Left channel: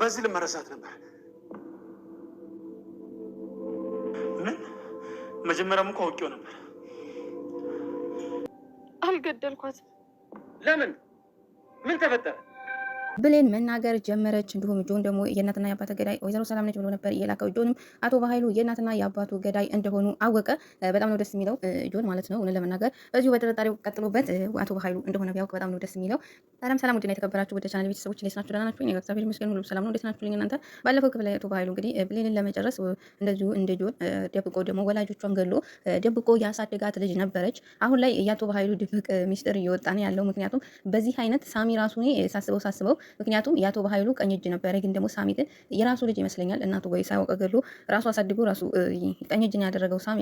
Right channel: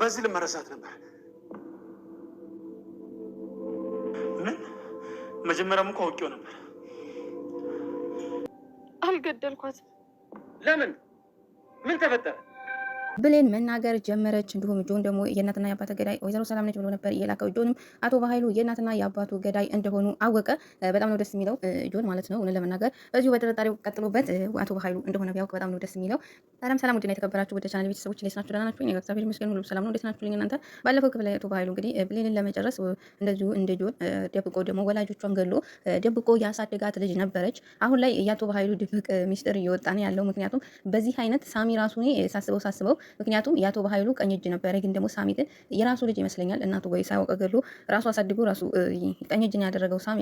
በዚህ ልመረሳት ነበር። ምን? መጀመሪያም እኮ አውቄው ነበር። አልገደልኳትም። ለምን? ምን ተፈጠረ? ብሌን መናገር ጀመረች። እንዲሁም ጆን ደግሞ የእናትና የአባቱ ገዳይ ወይዘሮ ሰላም ነች ብሎ ነበር የላከው። ጆንም አቶ በኃይሉ የእናትና የአባቱ ገዳይ እንደሆኑ አወቀ። በጣም ነው ደስ የሚለው ጆን ማለት ነው። እውነት ለመናገር በዚሁ በጥርጣሬው ቀጥሎበት አቶ በኃይሉ እንደሆነ ቢያውቅ በጣም ነው ደስ የሚለው። ሰላም ውድና የተከበራችሁ ወደ ቻናል ቤተሰቦች እንዴት ናችሁ? ደህና ናችሁ? እኔ እግዚአብሔር ይመስገን ሁሉ ሰላም ነው። እንዴት ናችሁ? እናንተ ባለፈው ክፍል አቶ በኃይሉ እንግዲህ ብሌንን ለመጨረስ እንደዚሁ እንደ ጆን ደብቆ ደግሞ ወላጆቿን ገሎ ደብቆ ያሳደጋት ልጅ ነበረች። አሁን ላይ የአቶ በኃይሉ ድብቅ ሚስጥር እየወጣ ነው ያለው። ምክንያቱም በዚህ አይነት ሳሚ ራሱ ሳስበው ምክንያቱም የአቶ በኃይሉ ቀኝ እጅ ነበረ፣ ግን ደግሞ ሳሚ ግን የራሱ ልጅ ይመስለኛል እናቱ ወይ ሳያውቅ ገሎ ራሱ አሳድጎ ራሱ ቀኝ እጅ ነው ያደረገው ሳሚ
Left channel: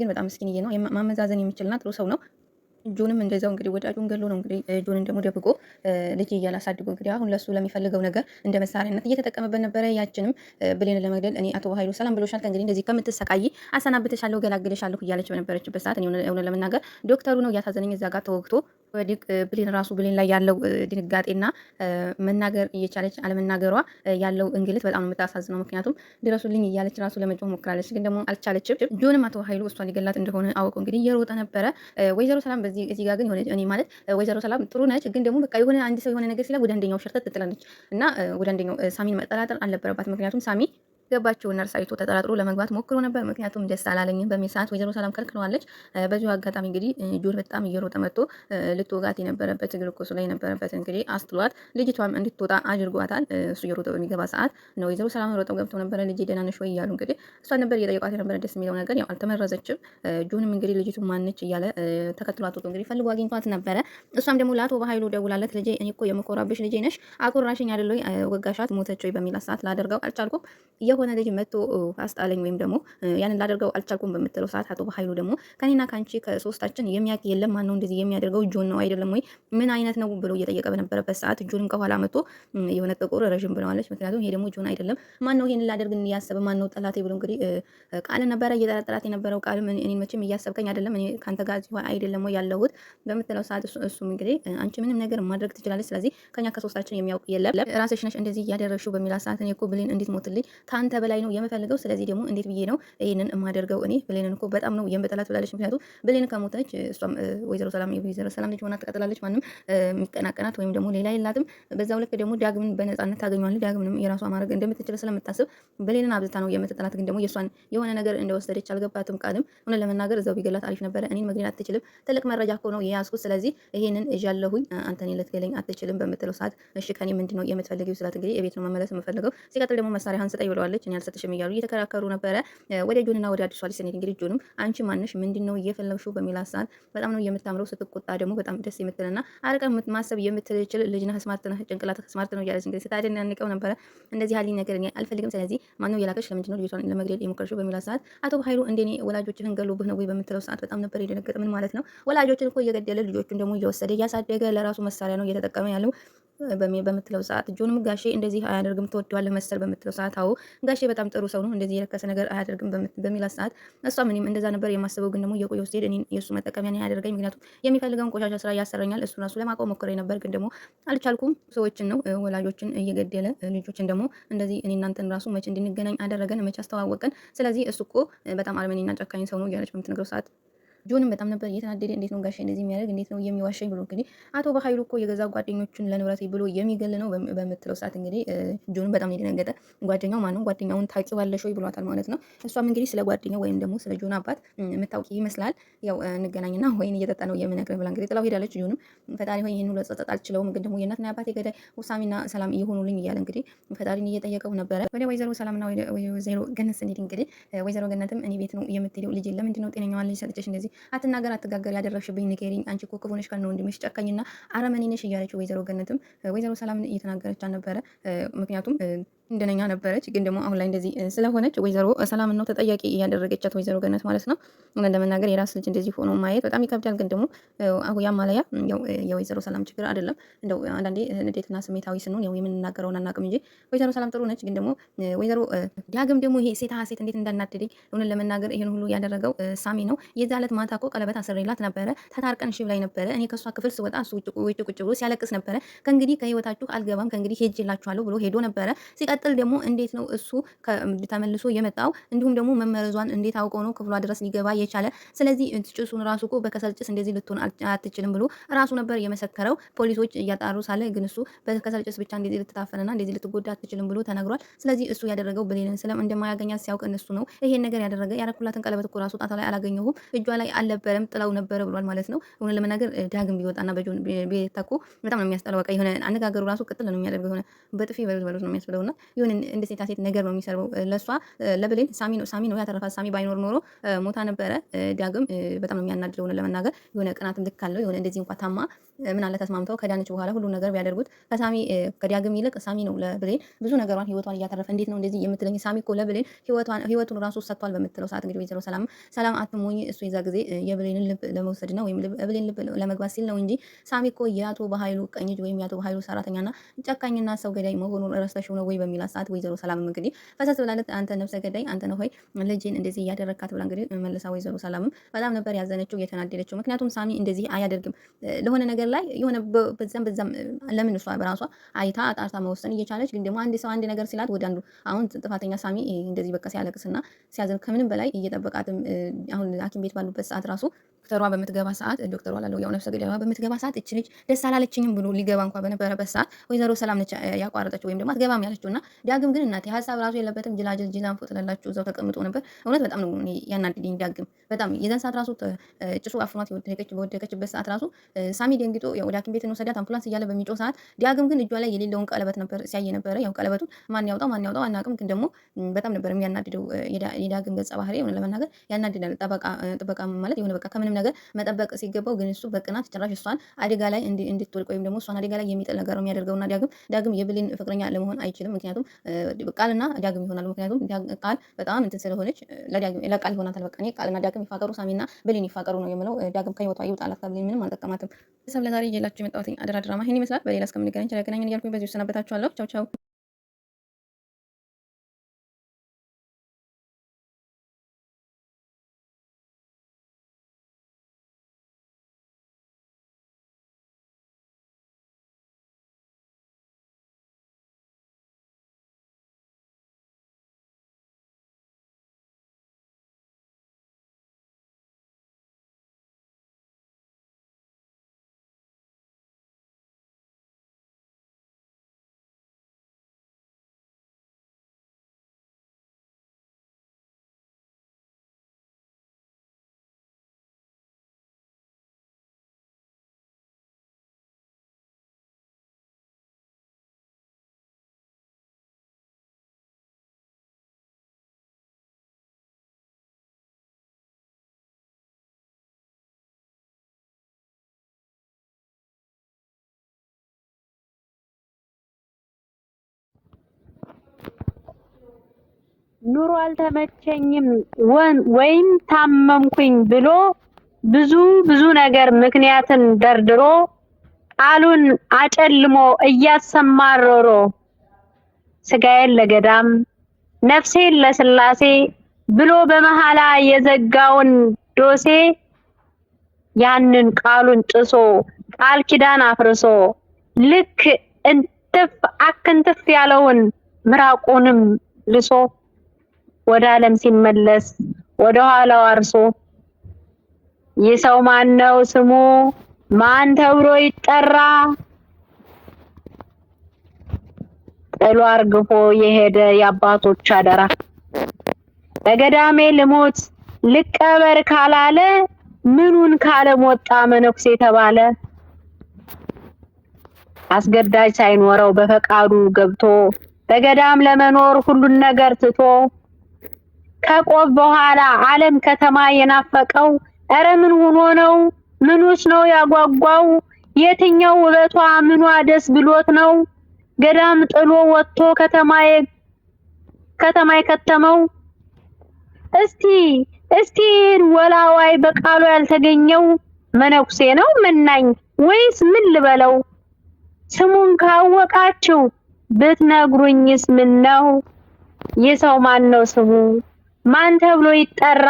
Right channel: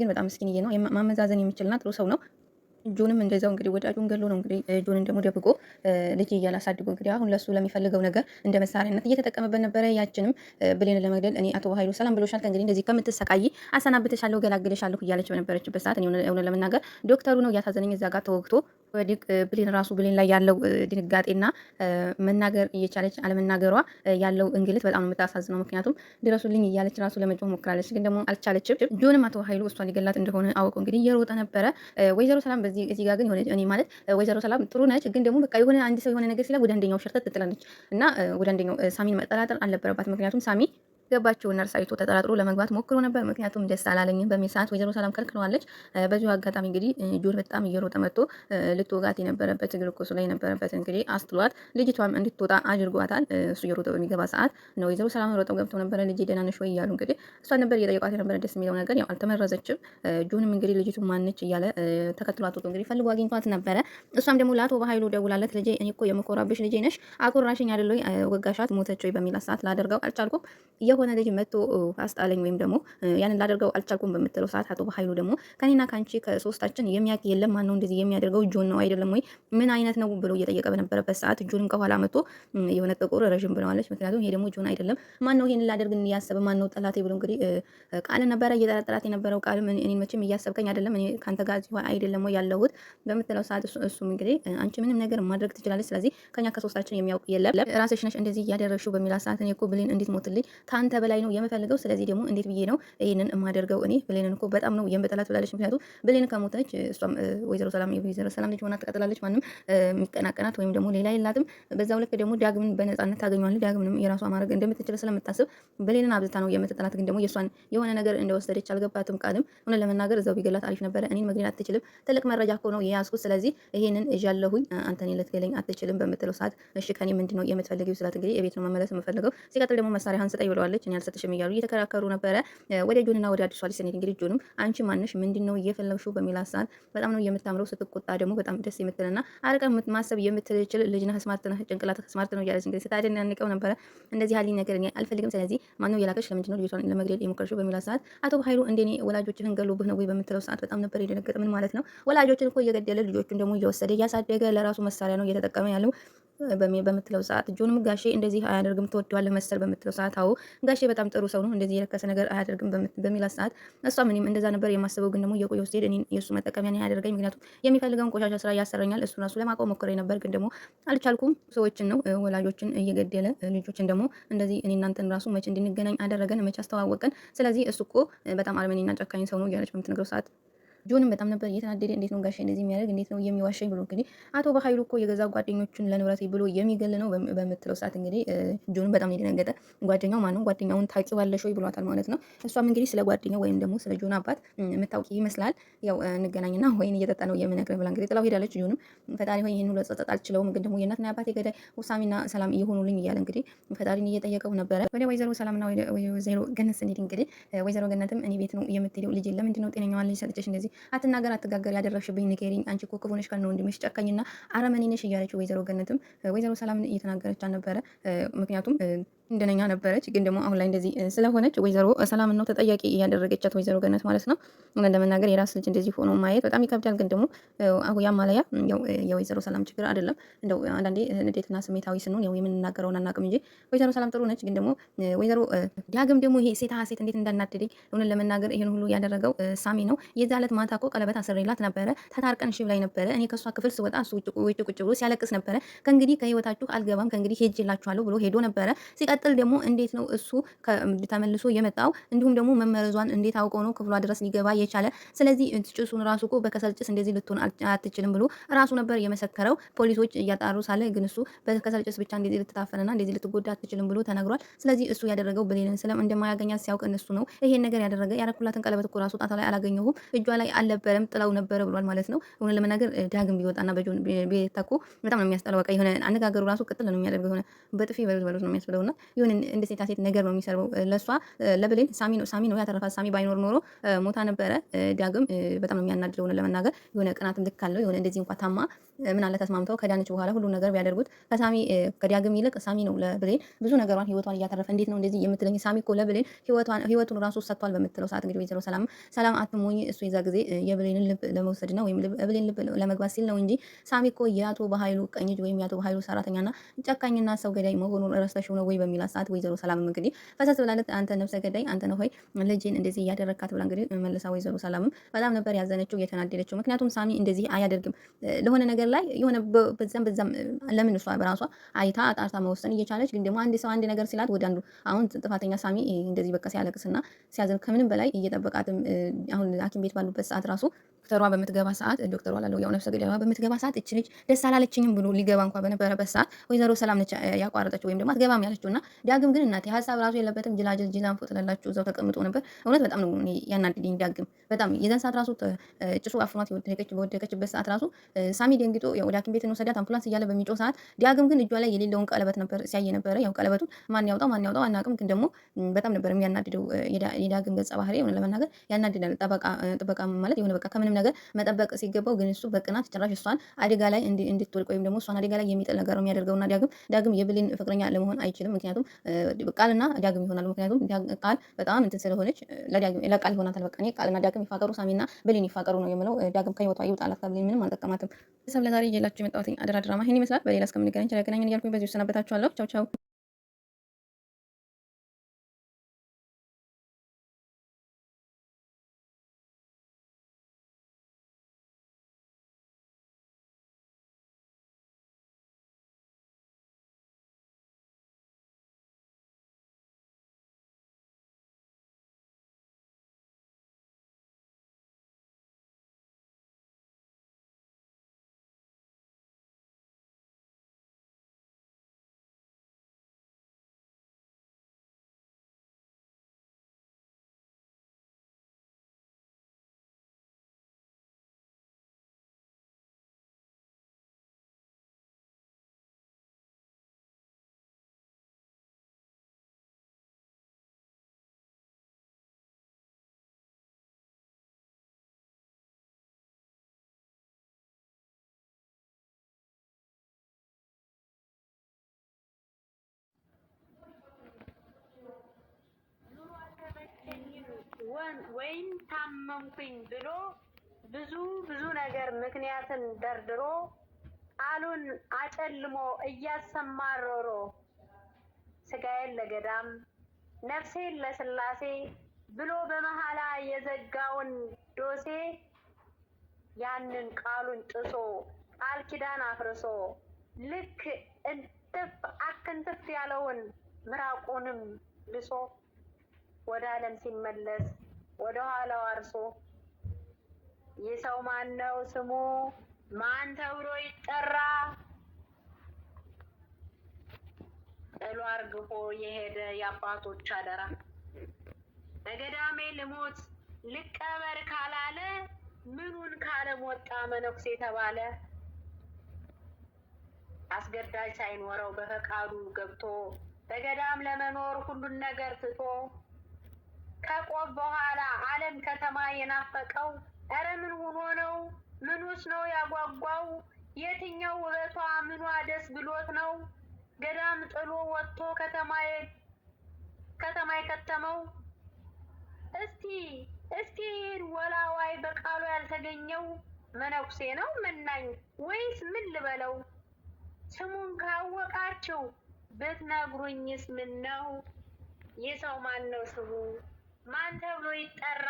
ግን በጣም ምስኪንዬ ነው። ማመዛዘን የሚችልና ጥሩ ሰው ነው። ጆንም እንደዛው እንግዲህ ወዳጁን ገሎ ነው እንግዲህ ጆንን ደግሞ ደብቆ ልጅ እያላሳድጎ እንግዲህ አሁን ለሱ ለሚፈልገው ነገር እንደ መሳሪያነት እየተጠቀመበት ነበረ። ያችንም ብሌንን ለመግደል እኔ አቶ በኃይሉ ሰላም ብሎሻል፣ ከእንግዲህ እንደዚህ ከምትሰቃይ አሰናብተሻለሁ፣ ገላግለሻለሁ እያለች በነበረችበት ሰዓት እኔ እውነት ለመናገር ዶክተሩ ነው እያሳዘነኝ እዛ ጋር ተወግቶ ወዲቅ ብሌን ላይ ያለው ድንጋጤና መናገር እየቻለች አለመናገሯ ያለው እንግልት በጣም ነው የምታሳዝነው። ምክንያቱም ድረሱልኝ እያለች ራሱ ለመጮህ ሞክራለች፣ ግን ደግሞ አልቻለችም። ጆንም አቶ በኃይሉ እሷን ሊገላት እንደሆነ አውቆ እንግዲህ እየሮጠ ነበረ። ወይዘሮ ሰላም እዚህ ጋር ግን የሆነ እኔ ማለት ወይዘሮ ሰላም ጥሩ ነች፣ ግን ደግሞ በቃ የሆነ አንድ ሰው የሆነ ነገር ሲላ ወደ አንደኛው ሸርተት ትጥላለች እና ወደ አንደኛው ሳሚን መጠራጠር አልነበረባት። ምክንያቱም ሳሚ ገባቸውና እርሳይቶ ተጠራጥሮ ለመግባት ሞክሮ ነበር። ምክንያቱም ደስ አላለኝም በሚል ሰዓት ወይዘሮ ሰላም ከልክለዋለች። በዚሁ አጋጣሚ እንግዲህ ጆን በጣም እየሮጠ መጥቶ ልትወጋት የነበረበት ግልኮሱ ላይ የነበረበት እንግዲህ አስጥሏት ልጅቷም እንድትወጣ አድርጓታል። እሱ እየሮጠ በሚገባ ሰዓት ነው ወይዘሮ ሰላም ሮጠው ገብተው ነበረ። ልጅ ደህና ነሽ ወይ እያሉ እንግዲህ እሷ ነበር እየጠየቋት የነበረ። ደስ የሚለው ነገር ያው አልተመረዘችም። ጆንም እንግዲህ ልጅቱ ማነች እያለ ተከትሏት ወጥቶ እንግዲህ ፈልጎ አግኝቷት ነበረ። እሷም ደግሞ ለአቶ በኃይሉ ደውላለት ልጄ እኔ እኮ የምኮራብሽ ልጄ ነሽ፣ አኮራሽኝ አይደል ወይ ወጋሻት ሞተች ወይ በሚል ሰዓት ላደርገው አልቻልኩም የሆነ ልጅ መጥቶ አስጣለኝ ወይም ደግሞ ያንን ላደርገው አልቻልኩም በምትለው ሰዓት አቶ በኃይሉ ደግሞ ከኔና ካንቺ ከሶስታችን የሚያውቅ የለም፣ ማን ነው እንደዚህ የሚያደርገው? ጆን ነው አይደለም ወይ? ምን አይነት ነው ብሎ እየጠየቀ በነበረበት ሰዓት ጆንም ከኋላ መጥቶ የሆነ ጥቁር ረዥም ብለዋለች። ምክንያቱም ይሄ ደግሞ ጆን አይደለም፣ ማን ነው ይሄን ላደርግ ያሰበ? ማን ነው ጠላቴ ብሎ እንግዲህ ቃል ነበረ እየጠረጠራት የነበረው። ቃል እኔን መቼም እያሰብከኝ አይደለም፣ እኔ ካንተ ጋር እዚህ አይደለም ወይ ያለሁት በምትለው ሰዓት እሱም እንግዲህ አንቺ ምንም ነገር ማድረግ ትችላለች፣ ስለዚህ ከኛ ከሶስታችን የሚያውቅ የለም፣ ራስሽ ነሽ እንደዚህ እያደረግሽው በሚላት ሰዓት እኔ እኮ ብሌን እንዴት ሞትልኝ ካንተ በላይ ነው የምፈልገው፣ ስለዚህ ደግሞ እንዴት ብዬ ነው ይሄንን የማደርገው? እኔ ብሌንን እኮ በጣም ነው የምጠላት ብላለች። ምክንያቱም ብሌን ከሞተች እሷም ወይዘሮ ሰላም ልጅ ሆና ትቀጥላለች። ማንም የሚቀናቀናት ወይም ደግሞ ሌላ የላትም። በዛው ልክ ደግሞ ዳግምን በነፃነት ታገኘዋለች። ዳግምንም የራሷ ማድረግ እንደምትችል ስለምታስብ ብሌንን አብዝታ ነው የምትጠላት። ግን ደግሞ የእሷን የሆነ ነገር እንደወሰደች አልገባትም። ቃልም ሆነ ለመናገር እዛው ቢገላት አሪፍ ነበረ። እኔን መግደል አትችልም፣ ትልቅ መረጃ እኮ ነው የያዝኩት፣ ስለዚህ ይሄንን እዣለሁኝ፣ አንተን ልትገለኝ አትችልም በምትለው ሰዓት እሺ ከኔ ምንድነው የምትፈልጊው ስላት እንግዲህ የቤት ነው መመለስ የምፈልገው፣ ሲቀጥል ደግሞ መሳሪያህን ስጠኝ ብለዋለች። እኔ አልሰጥሽም እያሉ እየተከራከሩ ነበረ። ወደ ጆንና ወደ አዲሷ ልጅ ስንሄድ እንግዲህ ጆንም አንቺ ማንሽ ምንድነው እየፈለግሽው በሚላት ሰዓት በጣም ነው የምታምረው፣ ስትቆጣ ደግሞ በጣም ደስ የምትልና አርቀ ማሰብ የምትችል ልጅ ነህ፣ ስማርት ነህ፣ ጭንቅላት ስማርት ነው እያለች እንግዲህ ስታደንቀው ነበረ። እንደዚህ ያለኝ ነገር እኔ አልፈልግም፣ ስለዚህ ማነው የላከሽ? ለምንድነው ልጅቷን ለመግደል የሞከርሽው በሚላት ሰዓት አቶ በኃይሉ እንደኔ ወላጆችህን ገሎብህ ነው ወይ በምትለው ሰዓት በጣም ነበር የደነገጠ። ምን ማለት ነው? ወላጆችን እኮ እየገደለ ልጆቹን ደግሞ እየወሰደ እያሳደገ ለራሱ መሳሪያ ነው እየተጠቀመ ያለው በምትለው ሰዓት ጆንም ጋሼ እንደዚህ አያደርግም ትወደዋለህ መሰል በምትለው ሰዓት አዎ ጋሼ በጣም ጥሩ ሰው ነው እንደዚህ የረከሰ ነገር አያደርግም በሚላት ሰዓት እሷ ምንም እንደዛ ነበር የማስበው፣ ግን ደግሞ የቆየው ሲሄድ እኔ የእሱ መጠቀሚያ ነው ያደርገኝ፣ ምክንያቱም የሚፈልገውን ቆሻሻ ስራ ያሰረኛል። እሱ ራሱ ለማቆም ሞክሬ ነበር፣ ግን ደግሞ አልቻልኩም። ሰዎችን ነው ወላጆችን እየገደለ ልጆችን ደግሞ እንደዚህ እኔ እናንተን ራሱ መቼ እንድንገናኝ አደረገን፣ መቼ አስተዋወቀን። ስለዚህ እሱ እኮ በጣም አርመኔና ጨካኝ ሰው ነው እያለች በምትነግረው ሰዓት ጆንም በጣም ነበር እየተናደደ። እንዴት ነው ጋሼ እንደዚህ የሚያደርግ? እንዴት ነው የሚዋሸኝ? ብሎ እንግዲህ አቶ በኃይሉ እኮ የገዛ ጓደኞቹን ለንብረት ብሎ የሚገል ነው በምትለው ሰዓት እንግዲህ ጆንም በጣም የደነገጠ። ጓደኛው ማነው? ጓደኛውን ታውቂዋለሽ ወይ ብሏታል ማለት ነው። እሷም እንግዲህ ስለ ጓደኛው ወይም ደግሞ ስለ ጆን አባት የምታውቂ ይመስላል፣ ያው እንገናኝና ወይን እየጠጣ ነው የምነግርህ ብላ እንግዲህ ጥላው ሄዳለች። ጆንም ፈጣሪ ሆይ ይሄን ሁሉ ጸጸት አልችለውም፣ ግን ደግሞ የእናትና የአባቴ ገዳይ ውሳሚና ሰላም እየሆኑልኝ እያለ እንግዲህ ፈጣሪን እየጠየቀው ነበረ። ወደ ወይዘሮ ሰላምና ወይዘሮ ገነት ስንሄድ እንግዲህ ወይዘሮ ገነትም እኔ ቤት ነው የምትሄደው ልጅ ለምንድን ነው ጤነኛዋን ልጅ ሰጥቼሽ እንደዚህ አትናገር ጋር ያደረግሽብኝ ንገሪኝ፣ አንቺ እኮ ክፉ ነሽ ከነ ወንድምሽ ጨካኝና አረመኔ ነሽ እያለች ወይዘሮ ገነትም ወይዘሮ ሰላምን እየተናገረች ነበረ። ምክንያቱም እንደነኛ ነበረች። ግን ደግሞ አሁን ላይ እንደዚህ ስለሆነች ወይዘሮ ሰላም ነው ተጠያቂ እያደረገቻት ወይዘሮ ገነት ማለት ነው። ለመናገር የራስ ልጅ እንደዚህ ሆኖ ማየት በጣም ይከብዳል። ግን ደግሞ አሁን ያማለያ የወይዘሮ ሰላም ችግር አይደለም። እንደው አንዳንዴ ንዴትና ስሜታዊ ስንሆን ያው የምንናገረውን አናውቅም እንጂ ወይዘሮ ሰላም ጥሩ ነች። ግን ደግሞ ወይዘሮ ዳግም ደግሞ ይሄ ሴት ሴት እንዴት እንዳናደደኝ እውነት ለመናገር ይሄን ሁሉ ያደረገው ሳሚ ነው። የዛ ዕለት ማታ እኮ ቀለበት አስሬላት ነበረ። ተታርቀን እሺ ብላኝ ነበረ። እኔ ከሷ ክፍል ስወጣ እሱ ውጭ ቁጭ ብሎ ሲያለቅስ ነበረ። ከእንግዲህ ከህይወታችሁ አልገባም ከእንግዲህ ሄጄላችኋለሁ ብሎ ሄዶ ነበረ። ሲቀጥል ደግሞ እንዴት ነው እሱ ተመልሶ የመጣው? እንዲሁም ደግሞ መመረዟን እንዴት አውቀው ነው ክፍሏ ድረስ ሊገባ የቻለ? ስለዚህ ጭሱን ራሱ እኮ በከሰል ጭስ እንደዚህ ልትሆን አትችልም ብሎ ራሱ ነበር የመሰከረው። ፖሊሶች እያጣሩ ሳለ ግን እሱ በከሰል ጭስ ብቻ እንደዚህ ልትታፈንና እንደዚህ ልትጎዳ አትችልም ብሎ ተነግሯል። ስለዚህ እሱ ያደረገው ብሌንን እንደማያገኛት ሲያውቅ እነሱ ነው ይሄን ነገር ያደረገ። ያረኩላትን ቀለበት እኮ ራሱ ጣቷ ላይ አላገኘሁም እጇ ላይ አልነበረም ጥለው ነበረ ብሏል ማለት ነው። እውነት ለመናገር ዳግም ቢወጣና በጆን ቤተኩ በጣም ነው የሚያስጠላው። በቃ የሆነ አነጋገሩ ራሱ ቅጥል ነው የሚያደርገው። የሆነ በጥፊ በሉት ነው የሚያስብለውና የሆነ እንደ ሴት ነገር ነው የሚሰርበው። ለሷ ለብሌን ሳሚ ነው ያተረፋት። ሳሚ ባይኖር ኖሮ ሞታ ነበረ። ዳግም በጣም ነው የሚያናድደው ለመናገር። የሆነ ቅናትም ልክ አለው። የሆነ እንደዚህ እንኳን ታማ ምን አለ ተስማምተው ከዳነች በኋላ ሁሉ ነገር ቢያደርጉት ከዳግም ይልቅ ሳሚ ነው ለብሌን ብዙ ነገሯን ህይወቷን እያተረፈ። እንዴት ነው እንደዚህ የምትለኝ? ሳሚ እኮ ለብሌን ህይወቱን ራሱ ሰጥቷል በምትለው ሰዓት እንግዲህ ወይዘሮ ሰላም አትሞኝ። እሱ የዛ ጊዜ የብሌንን ልብ ለመውሰድ ነው ወይም ብሌን ልብ ለመግባት ሲል ነው እንጂ ሳሚ እኮ የአቶ በኃይሉ ቀኝ እጅ ወይም የአቶ በኃይሉ ሰራተኛና ጨካኝና ሰው ገዳይ መሆኑን ረስተሽው ነው ወይ በሚላት ሰዓት ወይዘሮ ሰላም እንግዲህ ፈሰስ ብላለት አንተ ነፍሰ ገዳይ አንተ ነው ሆይ ልጄን እንደዚህ እያደረካት ብላ እንግዲህ መልሳ ወይዘሮ ሰላምም በጣም ነበር ያዘነችው የተናደደችው። ምክንያቱም ሳሚ እንደዚህ አያደርግም ለሆነ ነገር ላይ የሆነ በዛም ለምን እሷ በራሷ አይታ አጣርታ መወሰን እየቻለች ግን ደግሞ አንድ ሰው አንድ ነገር ሲላት ወደ አንዱ አሁን ጥፋተኛ ሳሚ እንደዚህ በቃ ሲያለቅስና ሲያዝን ከምንም በላይ እየጠበቃትም አሁን ሐኪም ቤት ባሉበት ሰዓት ራሱ ዶክተሯ በምትገባ ሰዓት ዶክተሯ ላለው ያው ነፍሰ ገዳይዋ በምትገባ ሰዓት እቺ ልጅ ደስ አላለችኝም ብሎ ሊገባ እንኳን በነበረበት ሰዓት ወይዘሮ ሰላም ነች ያቋረጠችው ወይም ደግሞ አትገባም ያለችውና ዳግም ግን እናቴ ሀሳብ ራሱ የለበትም። ጅላን ፎጥላላችሁ እዛው ተቀምጦ ነበር። እውነት በጣም ነው ያናድደኝ ዳግም በጣም የዛን ሰዓት ራሱ ጭሱ አፍኗት በወደቀችበት ሰዓት ራሱ ሳሚ ደንግጦ ወደ ሐኪም ቤት እንወሰዳት አምቡላንስ እያለ በሚጮህ ሰዓት ዳግም ግን እጇ ላይ የሌለውን ቀለበት ነበር ሲያየ ነበረ። ያው ቀለበቱን ማን ያውጣው አናውቅም፣ ግን ደግሞ በጣም ነበር የሚያናድደው የዳግም ገጸ ባህሪ የሆነ ለመናገር ያናድዳል። ጥበቃ ማለት የሆነ በቃ ከምንም ነገር መጠበቅ ሲገባው ግን እሱ በቅናት ጭራሽ እሷን አደጋ ላይ እንድትወድቅ ወይም ደግሞ እሷን አደጋ ላይ የሚጥል ነገር ነው የሚያደርገውና ዳግም የብሌን ፍቅረኛ ለመሆን አይችልም። ምክንያቱም ቃልና ዳግም ይሆናሉ። ምክንያቱም ቃል በጣም እንትን ስለሆነች ለቃል ይሆናታል። በቃ እኔ ቃልና ዳግም ይፋቀሩ፣ ሳሚና ብሌን ይፋቀሩ ነው የምለው። ዳግም ከህይወቷ ይውጣላት። ብሌን ምንም አልጠቀማትም። ሰብ ለዛሬ ይዤላችሁ የመጣሁት አደራ ድራማ ይሄን ይመስላል። በሌላ እስከምንገናኝ ቸር እያልኩኝ በዚሁ ሰናበታችኋለሁ። ቻው ቻው። ኑሮ አልተመቸኝም ወይም ታመምኩኝ ብሎ ብዙ ነገር ምክንያትን ደርድሮ ቃሉን አጨልሞ እያሰማረሮ ስጋዬን ለገዳም ነፍሴን ለስላሴ ብሎ በመሐላ የዘጋውን ዶሴ ያንን ቃሉን ጥሶ ቃል ኪዳን አፍርሶ ልክ አክንትፍ ያለውን ምራቁንም ልሶ ወደ ዓለም ሲመለስ ወደ ኋላው አርሶ ይህ ሰው ማን ነው ስሙ ማን ተብሎ ይጠራ? ጥሎ አርግፎ የሄደ የአባቶች አደራ። በገዳሜ ልሞት ልቀበር ካላለ ምኑን ካለም ወጣ መነኩሴ ተባለ። አስገዳጅ ሳይኖረው በፈቃዱ ገብቶ በገዳም ለመኖር ሁሉን ነገር ትቶ ከቆብ በኋላ ዓለም ከተማ የናፈቀው ኧረ ምን ሆኖ ነው? ምኑስ ነው ያጓጓው? የትኛው ውበቷ ምኗ ደስ ብሎት ነው? ገዳም ጥሎ ወጥቶ ከተማ ከተማ የከተመው? እስቲ ወላዋይ በቃሉ ያልተገኘው መነኩሴ ነው መናኝ ወይስ ምን ልበለው? ስሙን ካወቃችሁ ብትነግሩኝስ ምን ነው? የሰው ማን ነው ስሙ? ማን ተብሎ ይጠራ?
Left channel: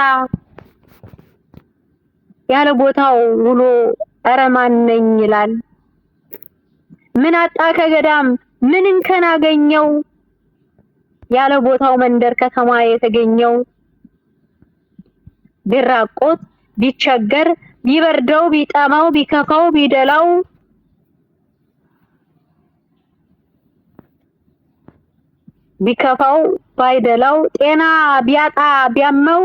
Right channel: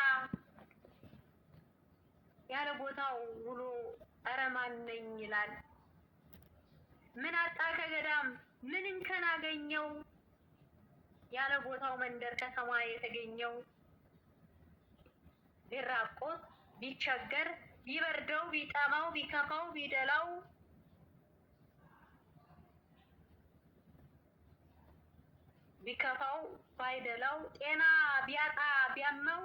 ያለ ቦታው ውሎ ኧረ ማን ነኝ ይላል። ምን አጣ ከገዳም ምን እንከን አገኘው? ያለ ቦታው መንደር ከተማ የተገኘው። ቢራቆት ቢቸገር ቢበርደው ቢጠማው ቢከፋው ቢደላው ቢከፋው ባይደላው ጤና ቢያጣ ቢያመው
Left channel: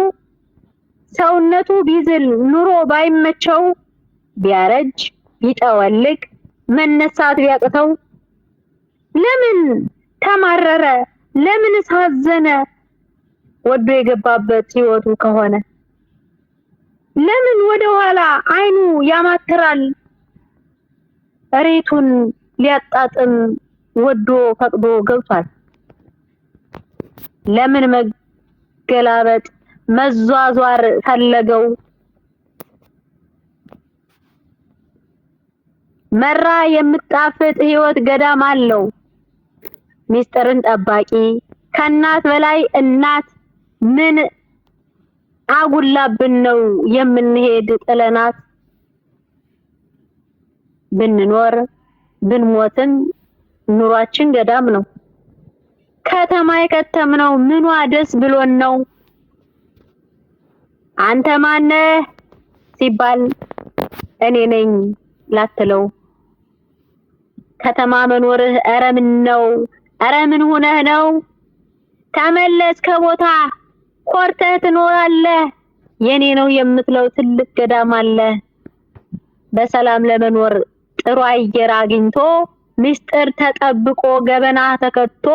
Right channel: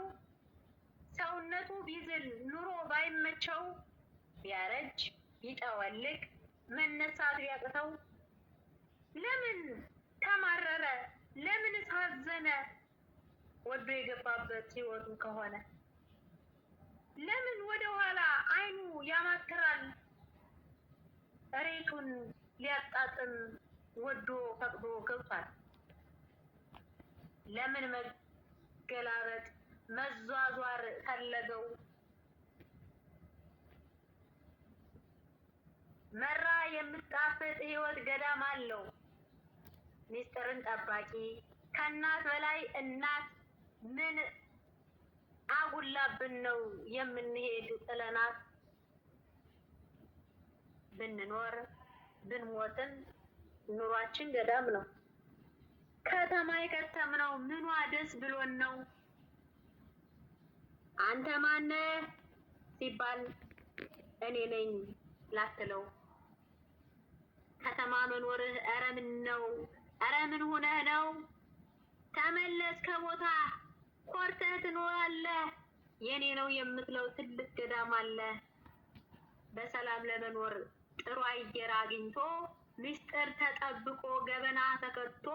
ሰውነቱ ቢዝል ኑሮ ባይመቸው ቢያረጅ ቢጠወልቅ መነሳት ቢያቅተው ለምን ተማረረ ለምን ሳዘነ ወዶ የገባበት ህይወቱ ከሆነ ለምን ወደ ኋላ አይኑ ያማትራል እሬቱን ሊያጣጥም ወዶ ፈቅዶ ገብቷል። ለምን መገላበጥ መዟዟር ፈለገው? መራ የምጣፍጥ ህይወት ገዳም አለው ሚስጥርን ጠባቂ ከእናት በላይ እናት ምን አጉላብን ነው የምንሄድ ጥለናት? ብንኖር ብንሞትም ኑሯችን ገዳም ነው። ከተማ የከተምነው ምኗ ደስ ብሎን ነው? አንተ ማነህ ሲባል እኔ ነኝ ላትለው ከተማ መኖርህ ኧረ ምን ነው ኧረ ምን ሆነህ ነው? ተመለስ ከቦታ ኮርተህ ትኖራለህ። የኔ ነው የምትለው ትልቅ ገዳም አለ። በሰላም ለመኖር ጥሩ አየር አግኝቶ ምስጢር ተጠብቆ ገበና ተከቶ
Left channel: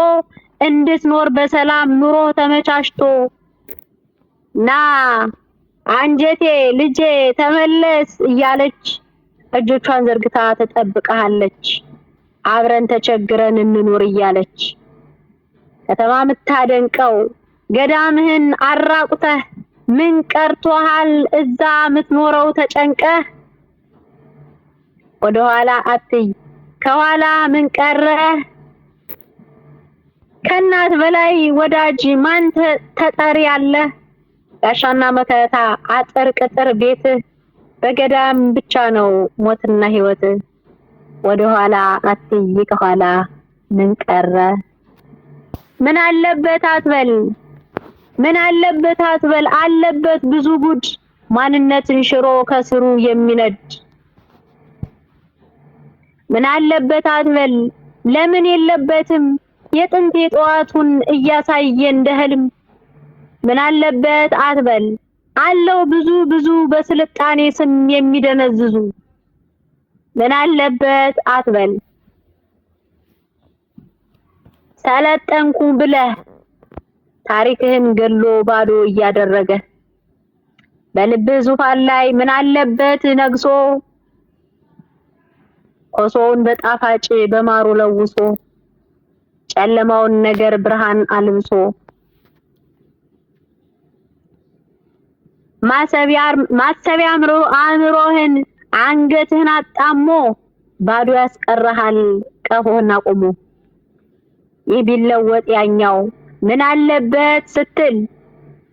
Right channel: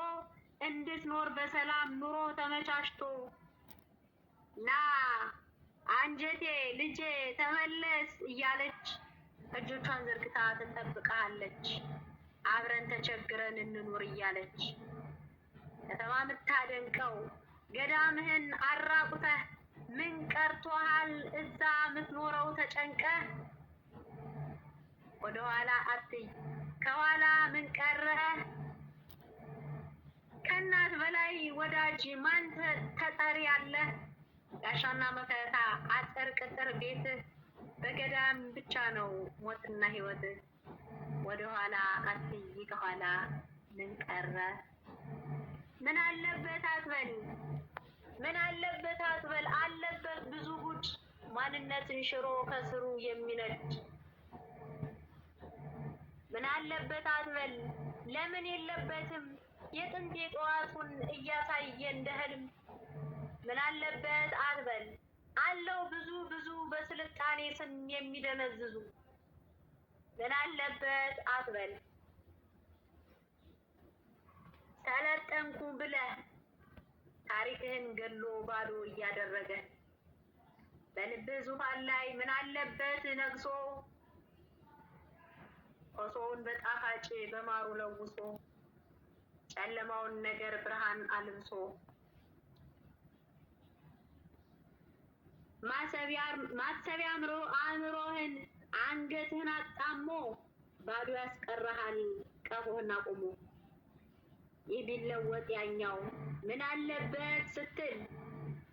እንድትኖር በሰላም ኑሮ ተመቻችቶ ና አንጀቴ ልጄ ተመለስ እያለች እጆቿን ዘርግታ ተጠብቀሃለች። አብረን ተቸግረን እንኖር እያለች ከተማ ምታደንቀው ገዳምህን አራቁተህ ምን ቀርቶሃል እዛ ምትኖረው ተጨንቀህ? ወደ ኋላ አትይ ከኋላ ምን ቀረ? ከእናት በላይ ወዳጅ ማን ተጠሪ አለ? ጋሻና መከታ አጥር ቅጥር ቤት በገዳም ብቻ ነው ሞትና ህይወት። ወደ ኋላ አትይ ከኋላ ምን ቀረ? ምን አለበት አትበል ምን አለበት አትበል አለበት ብዙ ጉድ ማንነትን ሽሮ ከስሩ የሚነድ። ምን አለበት አትበል ለምን የለበትም የጥንት የጠዋቱን እያሳየ እንደ ህልም። ምን አለበት አትበል አለው ብዙ በስልጣኔ ስም የሚደነዝዙ። ምን አለበት አትበል ሰለጠንኩ ብለህ ታሪክህን ገሎ ባዶ እያደረገ በልብህ ዙፋን ላይ ምን አለበት ነግሶ ኮሶውን በጣፋጭ በማሩ ለውሶ ጨለማውን ነገር ብርሃን አልብሶ ማሰቢያ አእምሮህን አንገትህን አጣሞ ባዶ ያስቀረሃል ቀፎህን አቁሞ። ይህ ቢለወጥ ያኛው ምን አለበት ስትል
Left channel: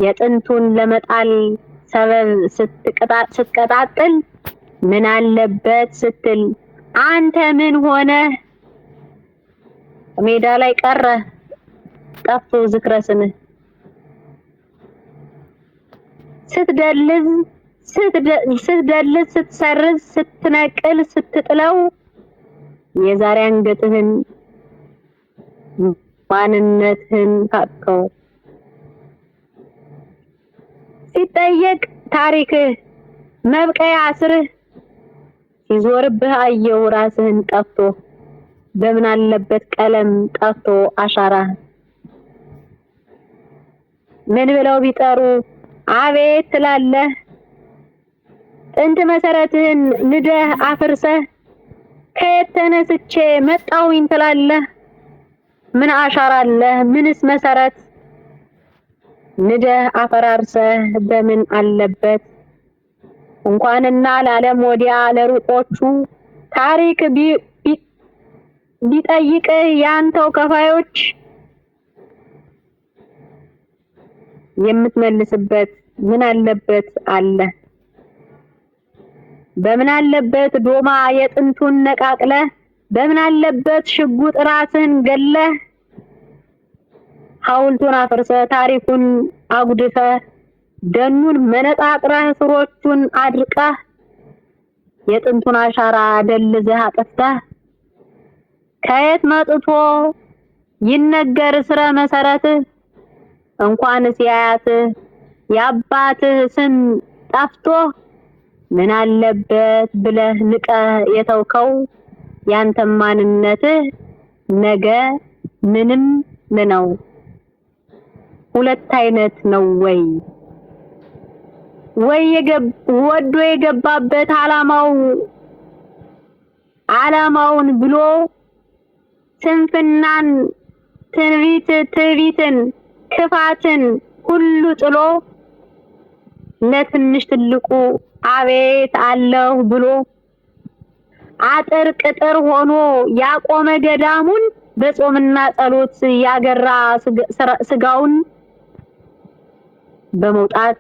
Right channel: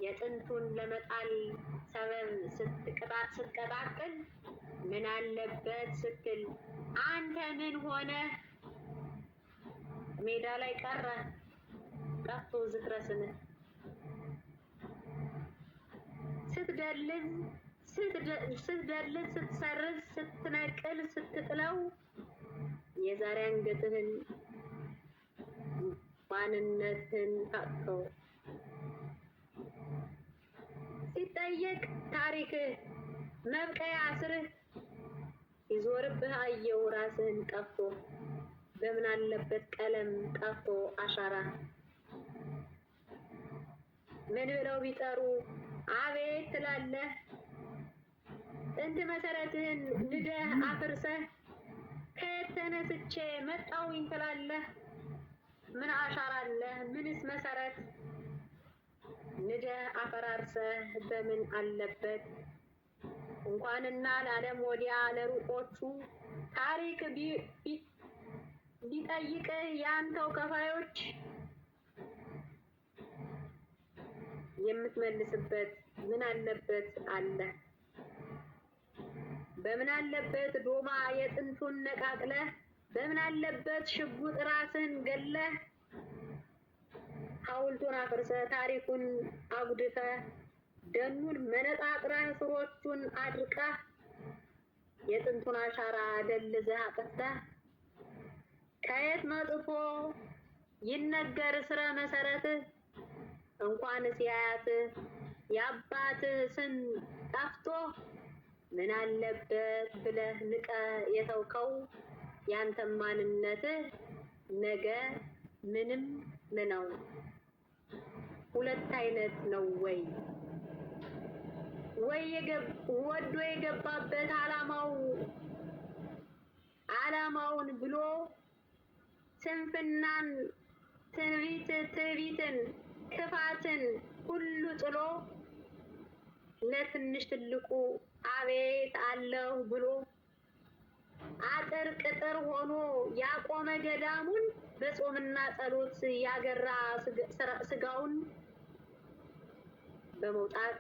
የጥንቱን ለመጣል ሰበብ ስትቀጣጥል ምን አለበት ስትል አንተ ምን ሆነ ሜዳ ላይ ቀረ ጠፍቶ ዝክረስንህ። ስትደልዝ ስትሰርዝ ስትነቅል ስትጥለው የዛሬ አንገትህን ማንነትህን ታጥቀው። ሲጠየቅ ታሪክህ መብቀያ ስርህ ሲዞርብህ አየው ራስህን ጠፍቶ በምን አለበት ቀለም ጠፍቶ አሻራ። ምን ብለው ቢጠሩ አቤት ትላለህ ጥንት መሰረትህን ንደህ አፍርሰህ ከየት ተነስቼ መጣሁኝ ትላለህ። ምን አሻራ አለህ ምንስ መሰረት ንደህ አፈራርሰህ በምን አለበት እንኳንና ለዓለም ወዲያ ለሩቆቹ ታሪክ ቢጠይቅህ ያንተው ከፋዮች የምትመልስበት ምን አለበት አለ። በምን አለበት ዶማ የጥንቱን ነቃቅለህ በምን አለበት ሽጉጥ ራስን ገለህ ሐውልቱን አፍርሰህ ታሪኩን አጉድፈህ ደኑን መነጣጥረህ ስሮቹን አድርቀህ የጥንቱን አሻራ ደልዘህ አጥፍተህ ከየት መጥቶ ይነገር ስረ መሰረትህ እንኳንስ ያያትህ የአባትህ ስም ጠፍቶ ምን አለበት ብለህ ንቀህ የተውከው ያንተ ማንነትህ ነገ ምንም ነው። ሁለት አይነት ነው ወይ ወዶ የገባበት ዓላማውን ብሎ ስንፍናን ትዕቢትን ክፋትን ሁሉ ጥሎ ለትንሽ ትልቁ አቤት አለሁ ብሎ አጥር ቅጥር ሆኖ ያቆመ ገዳሙን በጾምና ጸሎት ያገራ ስጋውን በመውጣት